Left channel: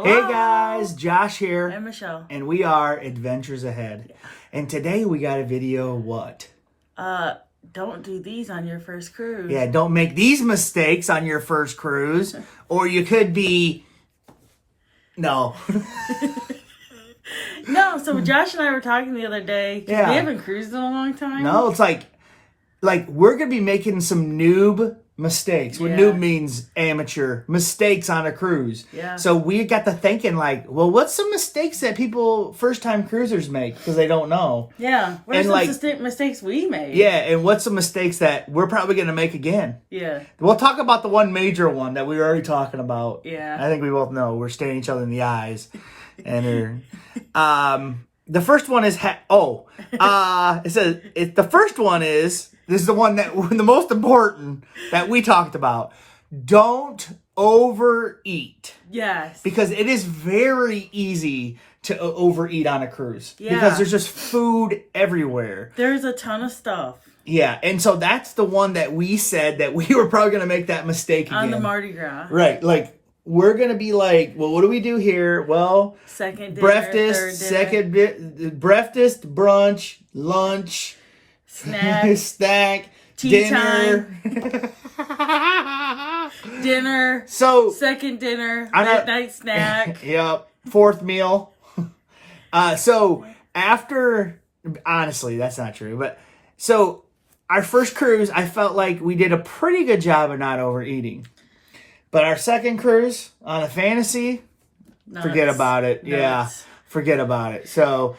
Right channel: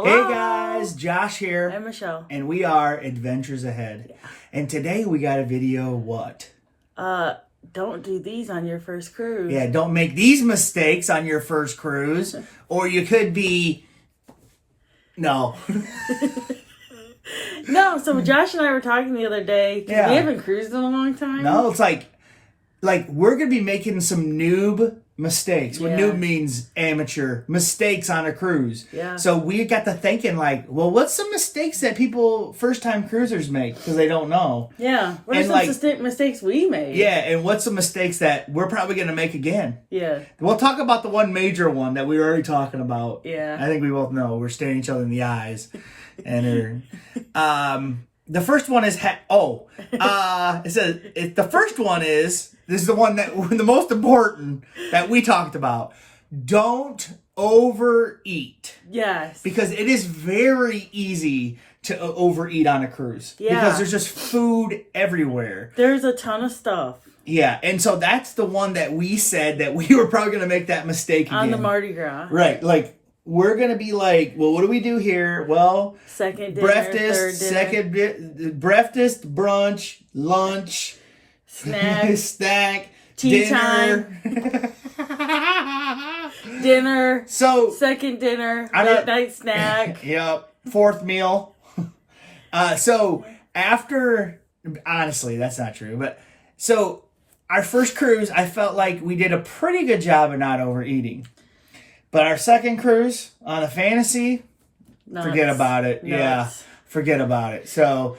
Hello. Hey guys, Josh here. And Michelle. And we are Adventures Ahead. Yeah. And today we got a video, what? Don't do these on your first cruise. Yeah, don't make these mistakes on your first cruise. Or you could be... No. No, so Josh and I were talking the other day. Yeah. We haven't cruised in a long time. No, it's like we're going to be making some noob mistakes. What Yeah. noob means amateur mistakes on a cruise. Yeah. So we got to thinking well, what's some mistakes that people, first-time cruisers make because they don't know? Yeah. What are some mistakes we made? Yeah, and what's some mistakes that we're probably going to make again? Yeah. We'll talk about the one major one that we were already talking about. Yeah. I think we both know. We're staring each other in the eyes. And the first one is... it says... the first one is... This is the one that... The most important that we talked about. Don't overeat. Yes. Because it is very easy to overeat on a cruise. Yeah. Because there's just food everywhere. There's a ton of stuff. Yeah, and so that's the one that we said that we were probably going to make that mistake again. On the Mardi Gras. Right, we're going to be well, what do we do here? Well, second dinner, breakfast, third dinner. breakfast, brunch, lunch, snack, tea dinner. Dinner. So, second dinner, midnight snack. Yep, fourth meal. So, after, honestly, that's not true, but, so, our first cruise, I felt like we did a pretty good job of not overeating. But our second cruise on the Fantasy, forget about it. Nuts. Yeah, forget about it. So,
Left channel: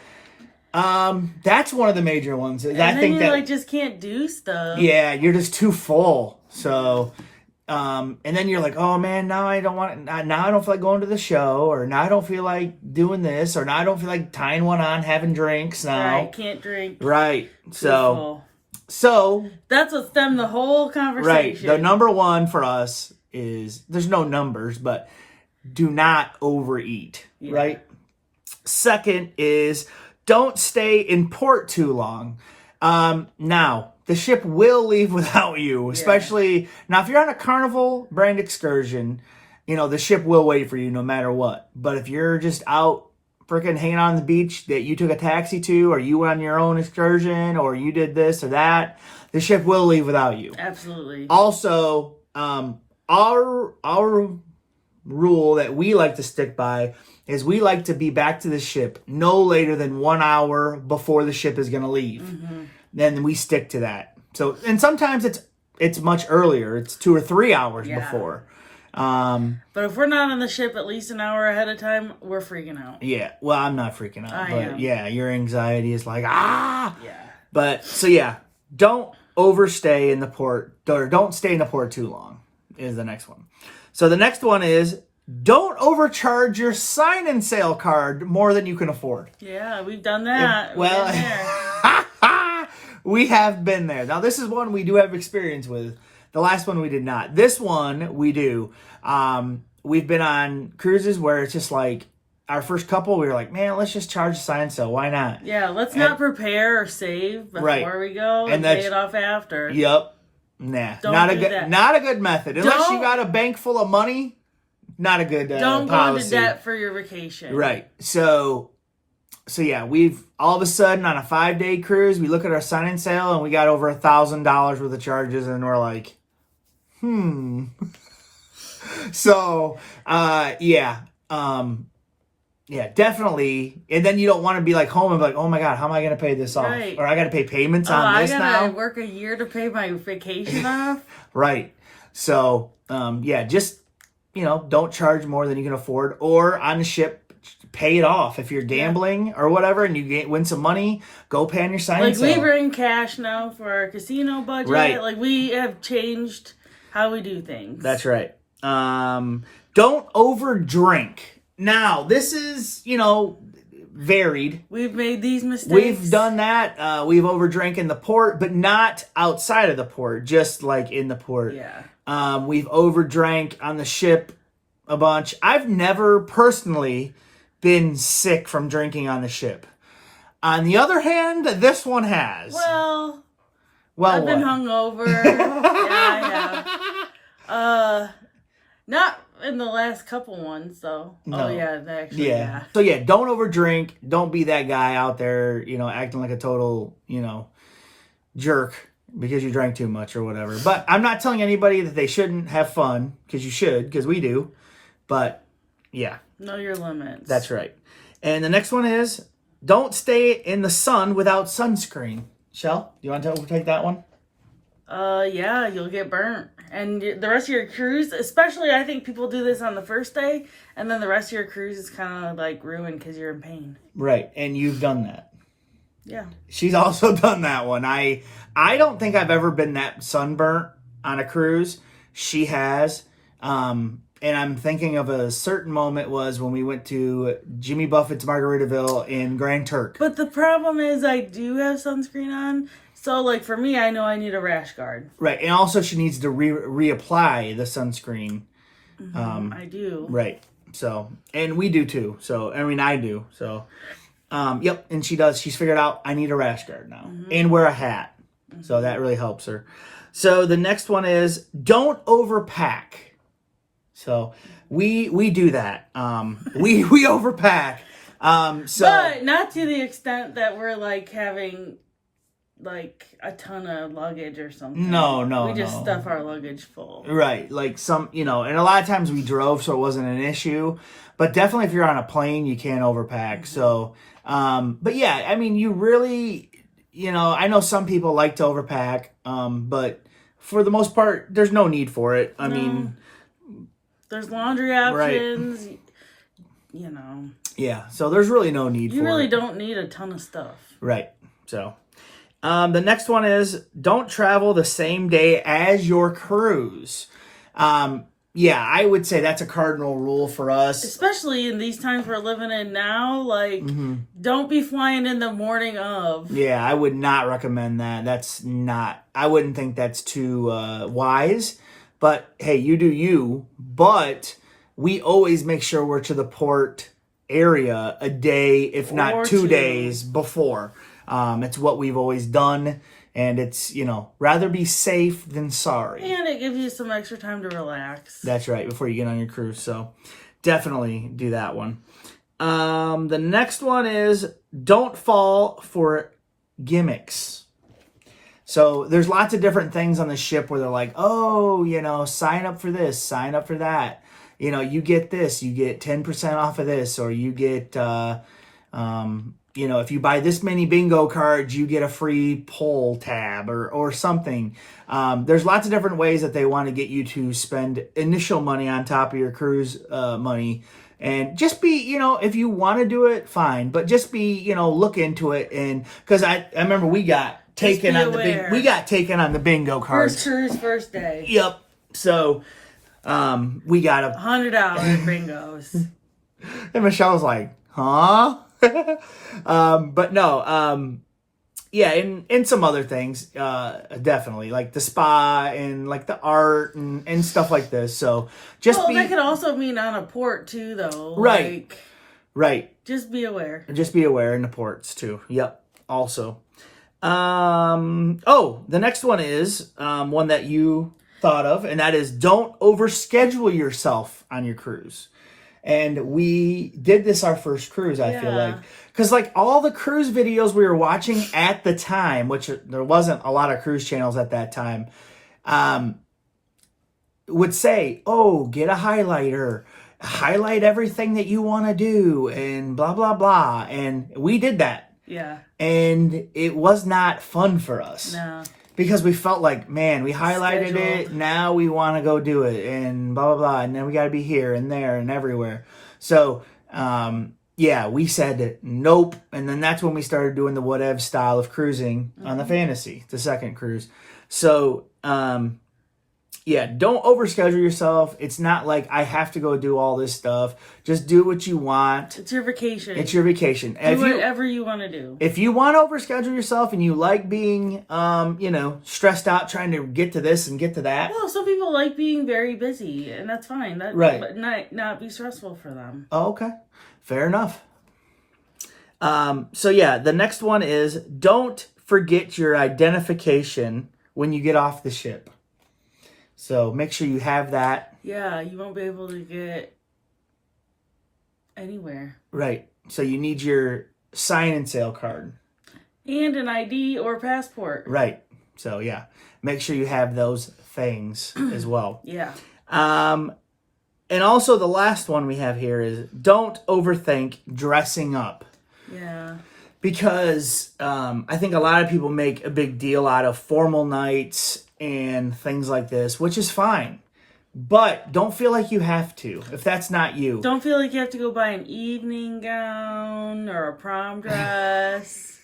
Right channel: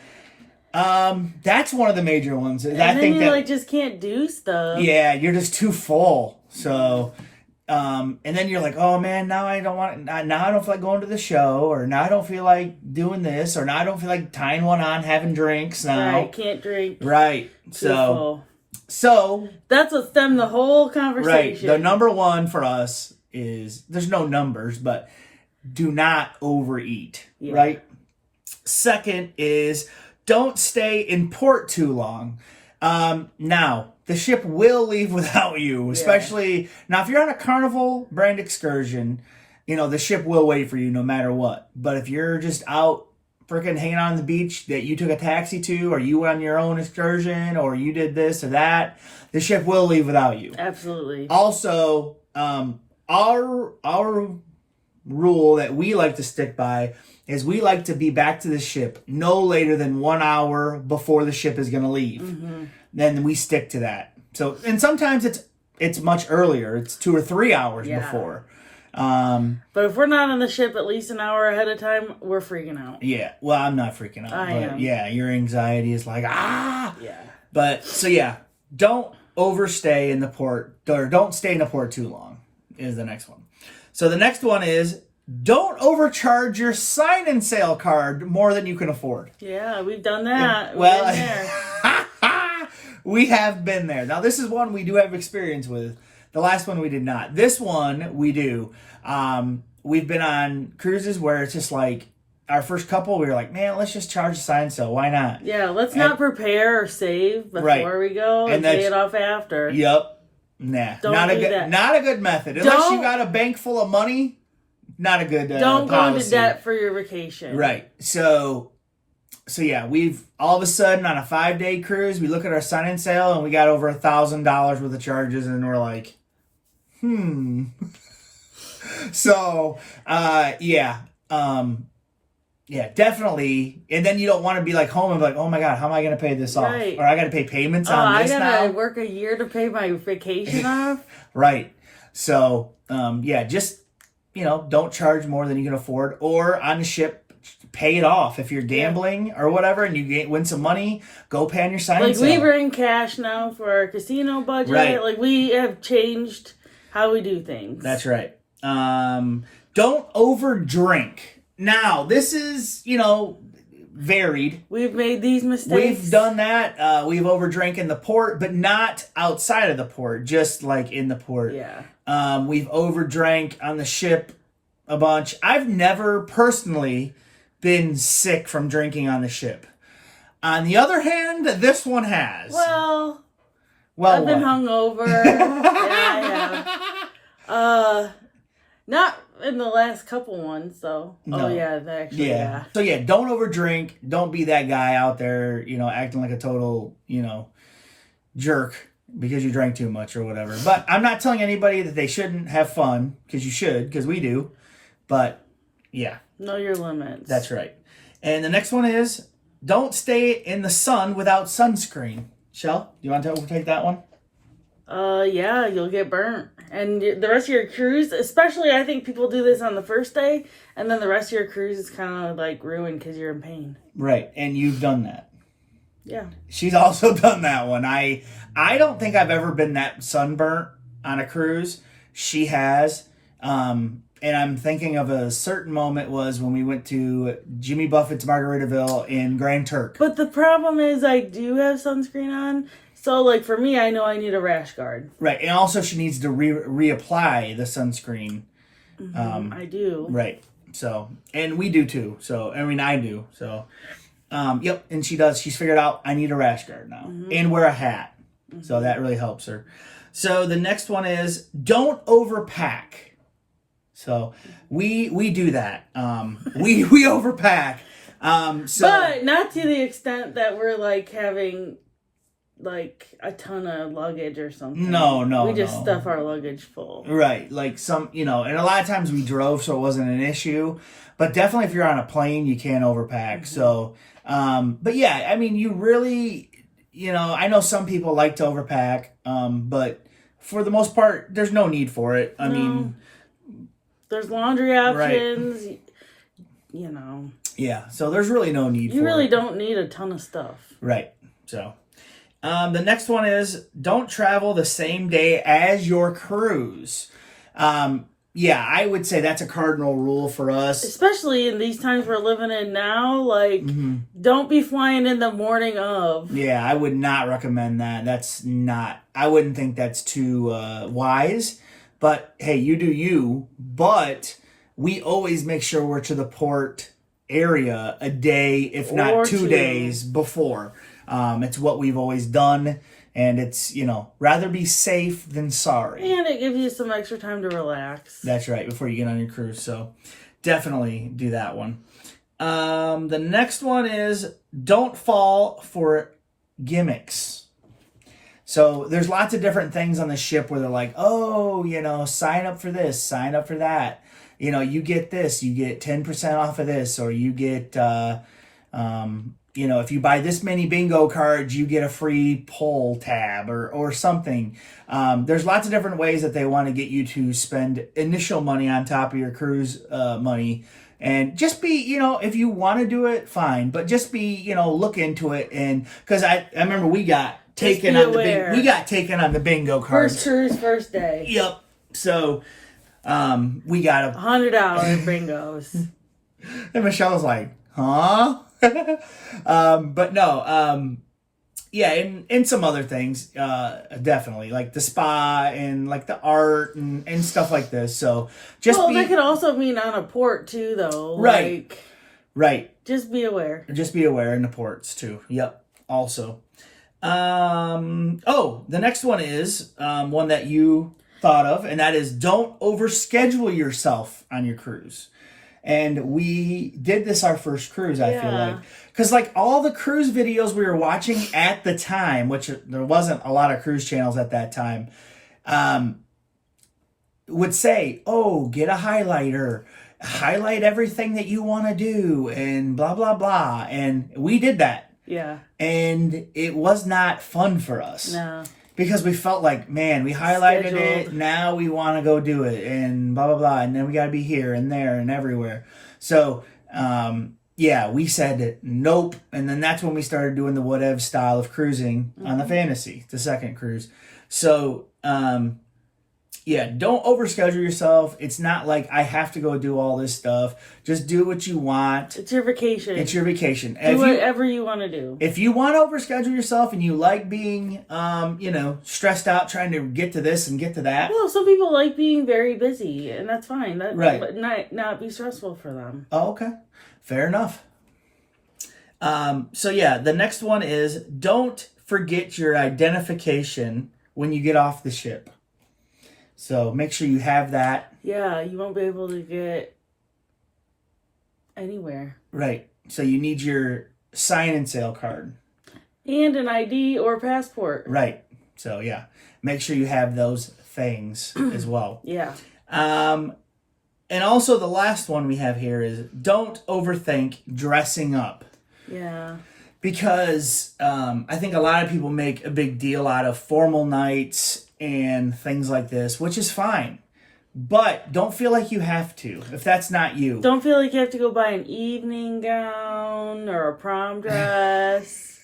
that's one of the major ones. And then you just can't do stuff. Yeah, you're just too full. So, and then you're like, oh man, now I don't feel like going to the show, or now I don't feel like doing this, or now I don't feel like tying one on, having drinks now. Right, can't drink. Right. So that's what stemmed the whole conversation. Right. The number one for us is, there's no numbers, but do not overeat. Yeah. Right. Second is, don't stay in port too long. Now, the ship will leave without you, especially now if you're on a Carnival brand excursion, the ship will wait for you no matter what. But if you're just out freaking hanging on the beach that you took a taxi to, or you went on your own excursion, or you did this or that, the ship will leave without you. Absolutely. Also, our rule that we like to stick by is we like to be back to the ship no later than 1 hour before the ship is going to leave. Mm-hmm. Then we stick to that. So, and sometimes it's much earlier. It's 2 or 3 hours before. But if we're not on the ship at least an hour ahead of time, we're freaking out. Yeah. Well, I'm not freaking out. I am. Yeah, your anxiety is like, ah! Yeah. But, so yeah, don't overstay in the port, or don't stay in the port too long is the next one. So the next one is, don't overcharge your sign-in sale card more than you can afford. Yeah, we've done that. We have been there. Now, this is one we do have experience with. The last one we did not. This one we do. We've been on cruises where it's just like, our first couple, we were like, man, let's just charge the sign sale. Why not? Yeah, let's not prepare or save before we go and pay it off after. Yep. Nah. Not a good method. Unless you got a bank full of money, not a good don't policy. go into debt for your vacation. Right. So yeah, we've all of a sudden on a 5-day cruise, we look at our sign-in sale and we got over $1,000 worth of charges, and we're like, So, yeah, definitely. And then you don't want to be like home and be like, oh my God, how am I going to pay this off? Right. Or I got to pay payments on this now. I got to work a year to pay my vacation off. Right. So, just, don't charge more than you can afford. Or on the ship, pay it off. If you're gambling or whatever and you win some money, go pay on your sign sale. We bring cash now for our casino budget. Right. We have changed how we do things. That's right. Don't overdrink. Now, this is, varied. We've made these mistakes. We've done that. We've overdrank in the port, but not outside of the port, just like in the port. Yeah. We've overdrank on the ship a bunch. I've never personally been sick from drinking on the ship. On the other hand, this one has. Well, I've been hungover. Yeah, I have. in the last couple ones, though. No. Oh, yeah, yeah. So, yeah, don't overdrink. Don't be that guy out there, acting like a total, jerk because you drank too much or whatever. But I'm not telling anybody that they shouldn't have fun, because you should, because we do. But, yeah. Know your limits. That's right. And the next one is, don't stay in the sun without sunscreen. Shell, you want to overtake that one? Yeah, you'll get burnt. And the rest of your cruise, especially I think people do this on the first day, and then the rest of your cruise is kind of like ruined because you're in pain. Right, and you've done that. Yeah. She's also done that one. I don't think I've ever been that sunburnt on a cruise. She has. And I'm thinking of a certain moment was when we went to Jimmy Buffett's Margaritaville in Grand Turk. But the problem is I do have sunscreen on. So, like, for me, I know I need a rash guard. Right. And also she needs to reapply the sunscreen. I do. Right. So, and we do too. So, I do. So, yep. And she does. She's figured out I need a rash guard now. And wear a hat. So that really helps her. So the next one is don't overpack. So we do that. We overpack. But not to the extent that we're like having like a ton of luggage or something. No. We just stuff our luggage full. Right. Like some, and a lot of times we drove, so it wasn't an issue. But definitely if you're on a plane, you can't overpack. So, but yeah, I mean, you really, I know some people like to overpack, but for the most part, there's no need for it. I mean, there's laundry options, Yeah, so there's really no need for it. You really don't need a ton of stuff. Right. So, the next one is don't travel the same day as your cruise. Yeah, I would say that's a cardinal rule for us. Especially in these times we're living in now. Like, don't be flying in the morning of. Yeah, I would not recommend that. I wouldn't think that's too wise. But, hey, you do you. But we always make sure we're to the port area a day, if not 2 days before. It's what we've always done. And it's, rather be safe than sorry. And it gives you some extra time to relax. That's right, before you get on your cruise. So definitely do that one. The next one is don't fall for gimmicks. So there's lots of different things on the ship where they're like, oh, sign up for this, sign up for that. You get this, you get 10% off of this, or you get, if you buy this many bingo cards, you get a free poll tab or something. There's lots of different ways that they want to get you to spend initial money on top of your cruise money. And just be, if you want to do it, fine. But just be, look into it. And because I remember we got taken on the bingo cards. First cruise, first day. Yep. So we got $100 bingos. And Michelle was like, huh? But no, yeah, and some other things, definitely, like the spa and like the art and stuff like this. So that could also mean on a port too, though. Right. Right. Just be aware. Just be aware in the ports too. Yep. Also. The next one is one that you thought of, and that is don't overschedule yourself on your cruise. And we did this our first cruise, I feel like. Because like all the cruise videos we were watching at the time, which there wasn't a lot of cruise channels at that time, would say, oh, get a highlighter, highlight everything that you want to do, and blah, blah, blah. And we did that. Yeah. And it was not fun for us. No. Because we felt like, man, we highlighted it, now we want to go do it, and blah, blah, blah, and then we got to be here and there and everywhere. So, we said nope, and then that's when we started doing the whatever style of cruising on the Fantasy, the second cruise. So, don't overschedule yourself. It's not like I have to go do all this stuff. Just do what you want. It's your vacation. It's your vacation. Do whatever you want to do. If you want to overschedule yourself and you like being, stressed out trying to get to this and get to that. Well, some people like being very busy, and that's fine. Right. But not be stressful for them. Oh, okay. Fair enough. The next one is don't forget your identification when you get off the ship. So make sure you have that. Yeah, you won't be able to get anywhere. Right. So you need your sign-in sale card. And an ID or passport. Right. So, yeah. Make sure you have those things as well. Yeah. And also the last one we have here is don't overthink dressing up. Yeah. Because I think a lot of people make a big deal out of formal nights and things like this, which is fine. But don't feel like you have to, if that's not you. Don't feel like you have to go buy an evening gown or a prom dress.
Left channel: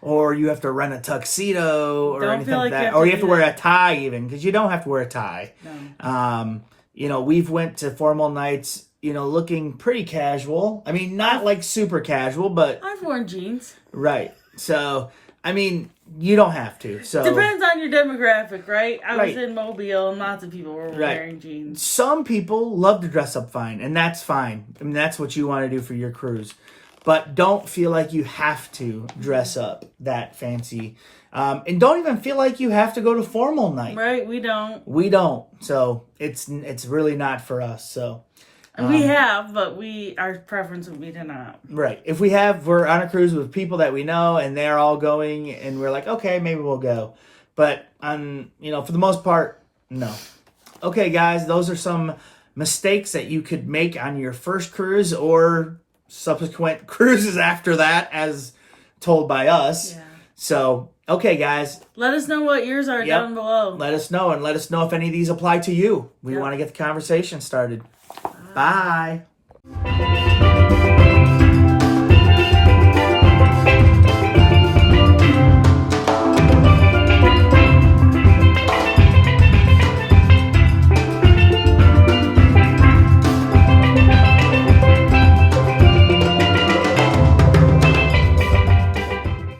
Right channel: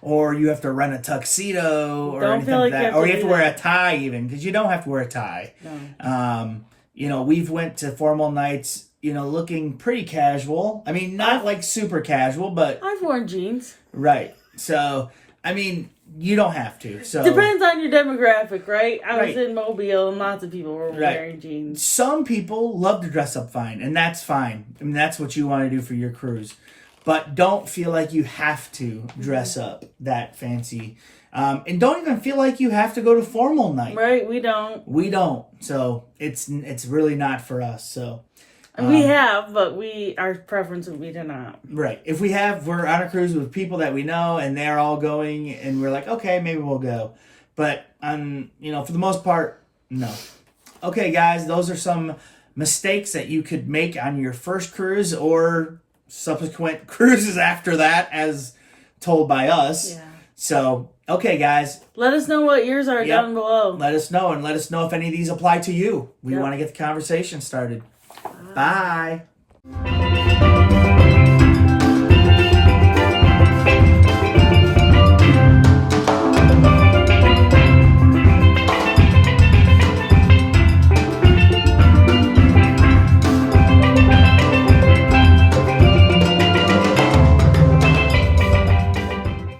Or you have to rent a tuxedo or Don't anything feel like like you that. have Or to you have do to wear that. a tie even, because you don't have to wear a tie. No. You know, we've went to formal nights, you know, looking pretty casual. I mean, not like super casual, but... I've worn jeans. Right. So, I mean, you don't have to. So Depends on your demographic, right? I was Right. in Mobile and lots of people were wearing jeans. Some people love to dress up fine, and that's fine. I mean, that's what you want to do for your cruise. But don't feel like you have to dress up that fancy. And don't even feel like you have to go to formal night. Right, we don't. We don't. So it's really not for us. So And we have, but our preference would be to not. right. If we're on a cruise with people that we know and they're all going and we're like, okay, maybe we'll go. But for the most part, no. Okay, guys, those are some mistakes that you could make on your first cruise or subsequent cruises after that, as told by us. Yeah. So, okay, guys. Let us know what yours are down below. Let us know, and let us know if any of these apply to you. We want to get the conversation started. Bye.